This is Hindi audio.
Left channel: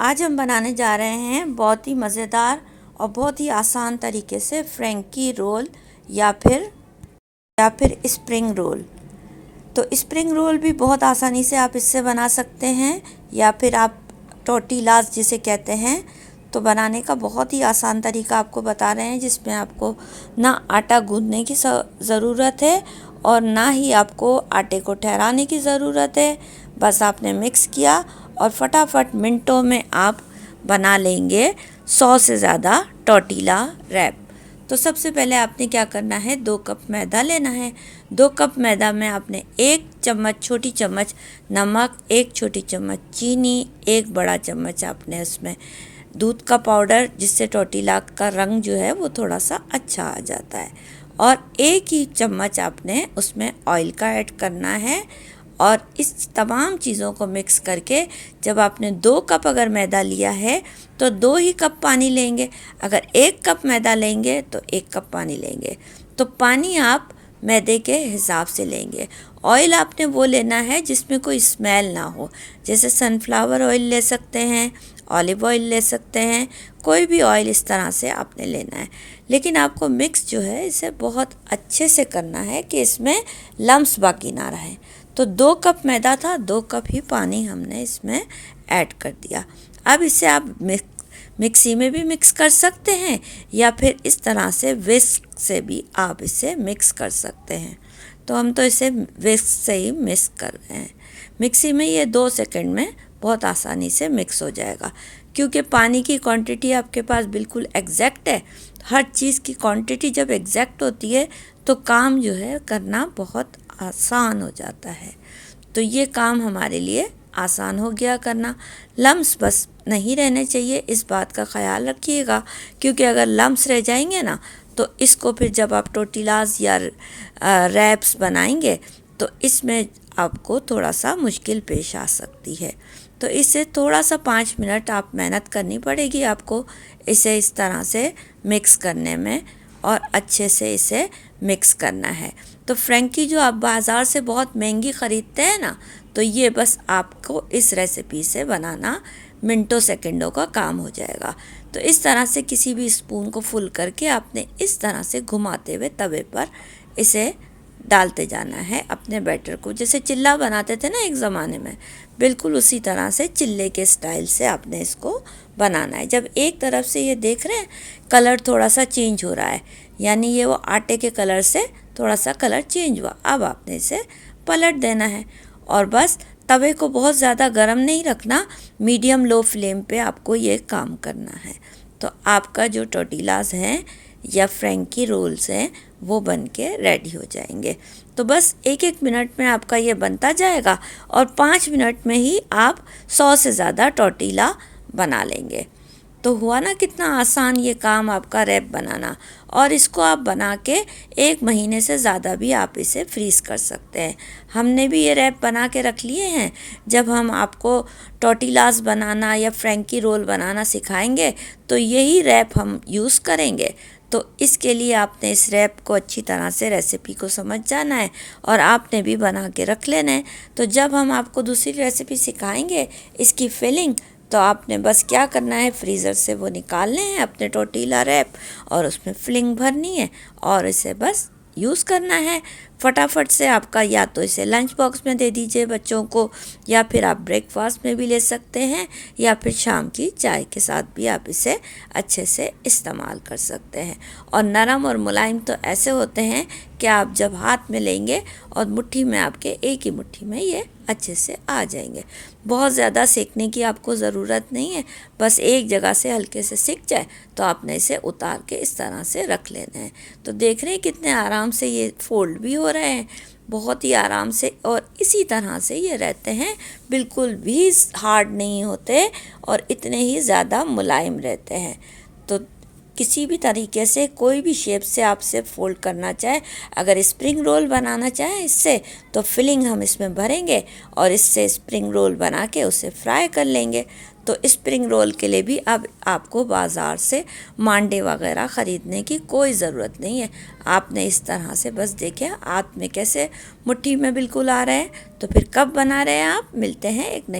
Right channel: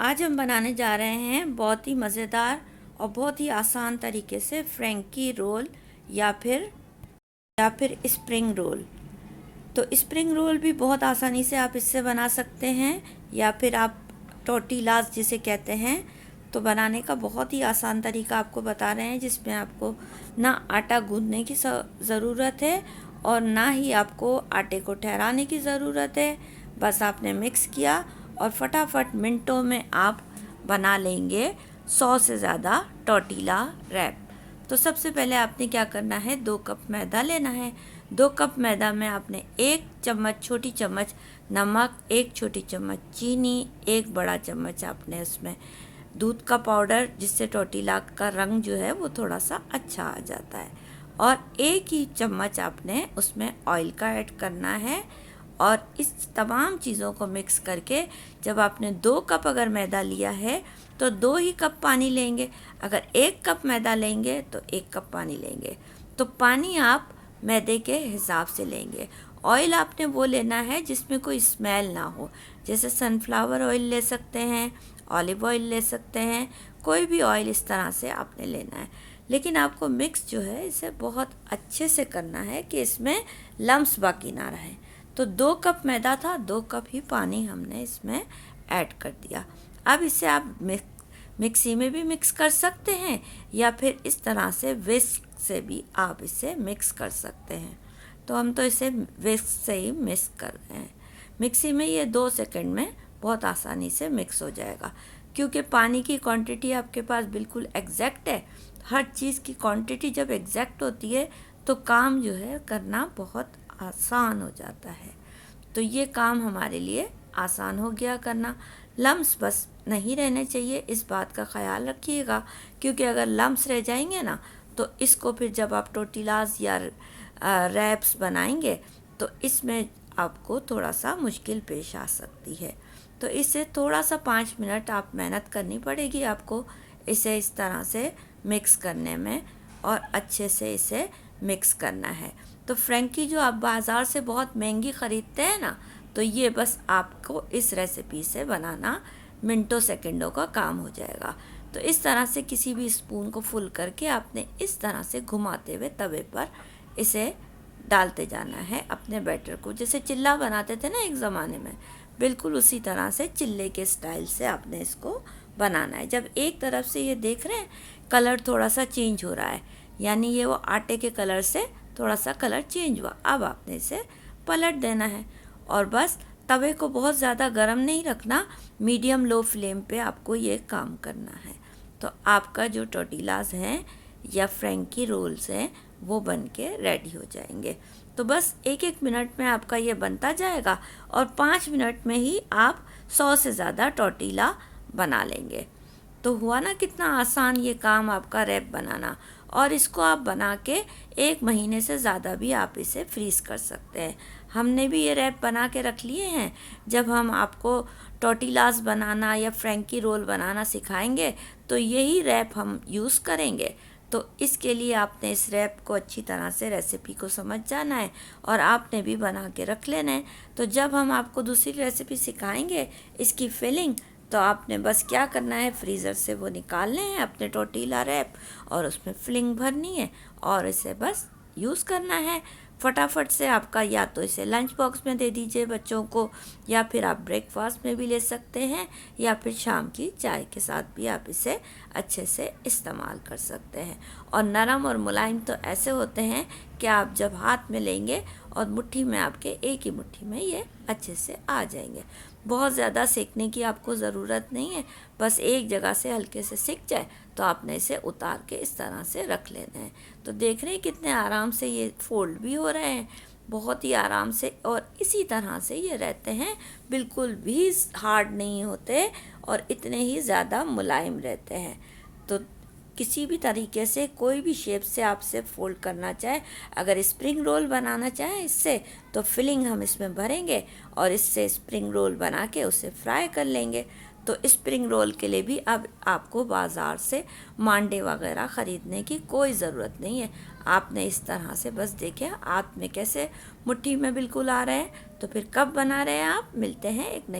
आज हम बनाने जा रहे हैं बहुत ही मज़ेदार और बहुत ही आसान तरीके से फ्रैंकी रोल या फिर स्प्रिंग रोल। तो स्प्रिंग रोल भी बहुत आसानी से आप इससे बना सकते हैं, या फिर आप टोर्टिलास जिसे कहते हैं। तो बनाने का बहुत ही आसान तरीका आपको बता रहे हैं, जिसमें आपको ना आटा गूंदने की ज़रूरत है और ना ही आपको आटे को ठहराने की ज़रूरत है। बस आपने मिक्स किया और फटाफट मिनटों में आप बना लेंगे 100 से ज़्यादा टोर्टिला रैप। तो सबसे पहले आपने क्या करना है, 2 कप मैदा लेना है। 2 कप मैदा में आपने 1 चम्मच छोटी चम्मच नमक, 1 छोटी चम्मच चीनी, 1 बड़ा चम्मच आपने उसमें दूध का पाउडर, जिससे टोर्टिला का रंग जो है वो थोड़ा सा अच्छा आ जाता है, और 1 ही चम्मच आपने उसमें ऑयल का ऐड करना है। और इस तमाम चीज़ों को मिक्स करके, जब आपने 2 कप अगर मैदा लिया है तो 2 ही कप पानी लेंगे। अगर 1 कप मैदा लेंगे तो 1 कप पानी लेंगे। तो पानी आप मैदे के हिसाब से लेंगे। ऑयल आपने वो लेना है जिसमें कोई स्मेल ना हो, जैसे सनफ्लावर ऑयल ले सकते हैं, ऑलिव ऑयल ले सकते हैं, कोई भी ऑयल इस तरह से आपने लेना है। लेकिन आपको मिक्स जो है इसे बहुत अच्छे से करना है कि इसमें लम्स बाकी ना रहे। तो 2 कप मैदा था, 2 कप ही पानी हमने इसमें ऐड कर दिया। अब इसे आप मिक्सी में भी मिक्स कर सकते हैं, या फिर इस तरह से विस्क से भी आप इसे मिक्स कर सकते हैं। तो हम तो इसे विस्क से ही मिक्स कर रहे हैं। मिक्सी में ये 2 सेकंड में बहुत आसानी से मिक्स हो जाएगा, क्योंकि पानी की क्वांटिटी आपके पास बिल्कुल एग्जैक्ट है। हर चीज़ की क्वांटिटी जब एग्जैक्ट होती है तो काम जो है करना बहुत आसान हो जाता है। तो ये काम हमारे लिए आसान हो गया करना। लम्स बस नहीं रहने चाहिए, इस बात का ख्याल रखिएगा, क्योंकि अगर लम्स रह जाएंगे ना तो इसको फिर जब आप टोर्टिलास या रैप्स बनाएंगे तो इसमें आपको थोड़ा सा मुश्किल पेश आ सकती है। तो इससे थोड़ा सा 5 मिनट आप मेहनत करनी पड़ेगी आपको इसे इस तरह से मिक्स करने में, और अच्छे से इसे मिक्स करना है। तो फ्रैंकी जो आप बाज़ार से बहुत महंगी ख़रीदते हैं ना, तो ये बस आपको इस रेसिपी से बनाना मिनटों सेकंडों का काम हो जाएगा। तो इस तरह से किसी भी स्पून को फुल करके आपने इस तरह से घुमाते हुए तवे पर इसे डालते जाना है अपने बैटर को, जैसे चिल्ला बनाते थे ना एक ज़माने में, बिल्कुल उसी तरह से चिल्ले के स्टाइल से आपने इसको बनाना है। जब एक तरफ से ये देख रहे हैं कलर थोड़ा सा चेंज हो रहा है, यानी ये वो आटे के कलर से थोड़ा सा कलर चेंज हुआ, अब आपने इसे पलट देना है। और बस तवे को बहुत ज़्यादा गर्म नहीं रखना, मीडियम लो फ्लेम पे आपको ये काम करना है। तो आपका जो टोर्टिलास हैं या फ्रैंकी रोल्स हैं वो बन के रेडी हो जाएंगे। तो बस 1-1 मिनट में आपका ये बनता जाएगा, और 5 मिनट में ही आप 100 से ज़्यादा टोर्टिला बना लेंगे। तो हुआ ना कितना आसान ये काम आपका रैप बनाना। और इसको आप बना के 1 महीने से ज़्यादा भी आप इसे फ्रीज़ कर सकते हैं। हमने भी ये रैप बना के रख लिए हैं। जब हम आपको टोर्टिलास बनाना या फ्रैंकी रोल बनाना सिखाएंगे तो यही रैप हम यूज़ करेंगे। तो इसके लिए आपने इस रैप को अच्छी तरह से रेसिपी को समझ जाना है, और आपने भी बना के रख लेना है। तो जब हम आपको दूसरी रेसिपी सिखाएंगे इसकी फिलिंग, तो आपने बस क्या करना है, फ्रीज़र से वो निकालने हैं अपने टोर्टिला रैप, और उसमें फिलिंग भरनी है और इसे बस यूज़ करना है फटाफट से। आपका या तो इसे लंच बॉक्स में दे दीजिए बच्चों को, या फिर आप ब्रेकफास्ट में भी ले सकते हैं, या फिर शाम की चाय के साथ भी आप इसे अच्छे से इस्तेमाल कर सकते हैं। और नरम और मुलायम तो ऐसे होते हैं कि आप जब हाथ में लेंगे और मुट्ठी में आपके एक ही मुट्ठी में ये अच्छे से आ जाएंगे। बहुत ज़्यादा सेकने की आपको ज़रूरत नहीं है, बस एक जगह से हल्के से सिक जाए तो आपने इसे उतार के इस तरह से रख लेना है। तो देख रहे हैं कितने आराम से ये फोल्ड भी हो रहे हैं, बहुत ही आराम से, और इसी तरह से ये रहते हैं, बिल्कुल भी हार्ड नहीं होते और इतने ही ज़्यादा मुलायम रहते हैं। तो किसी भी तरीके से कोई भी शेप से आप इसे फोल्ड करना चाहें, अगर स्प्रिंग रोल बनाना चाहें इससे, तो फिलिंग हम इसमें भरेंगे और इससे स्प्रिंग रोल बना के उसे फ्राई कर लेंगे। तो स्प्रिंग रोल के लिए भी अब आपको बाज़ार से मांडे वगैरह ख़रीदने की कोई ज़रूरत नहीं है। आपने इस तरह से बस देखें हाथ में कैसे मुट्ठी में बिल्कुल आ रहे हैं। तो फिर कब बना रहे हैं आप, मिलते हैं एक नई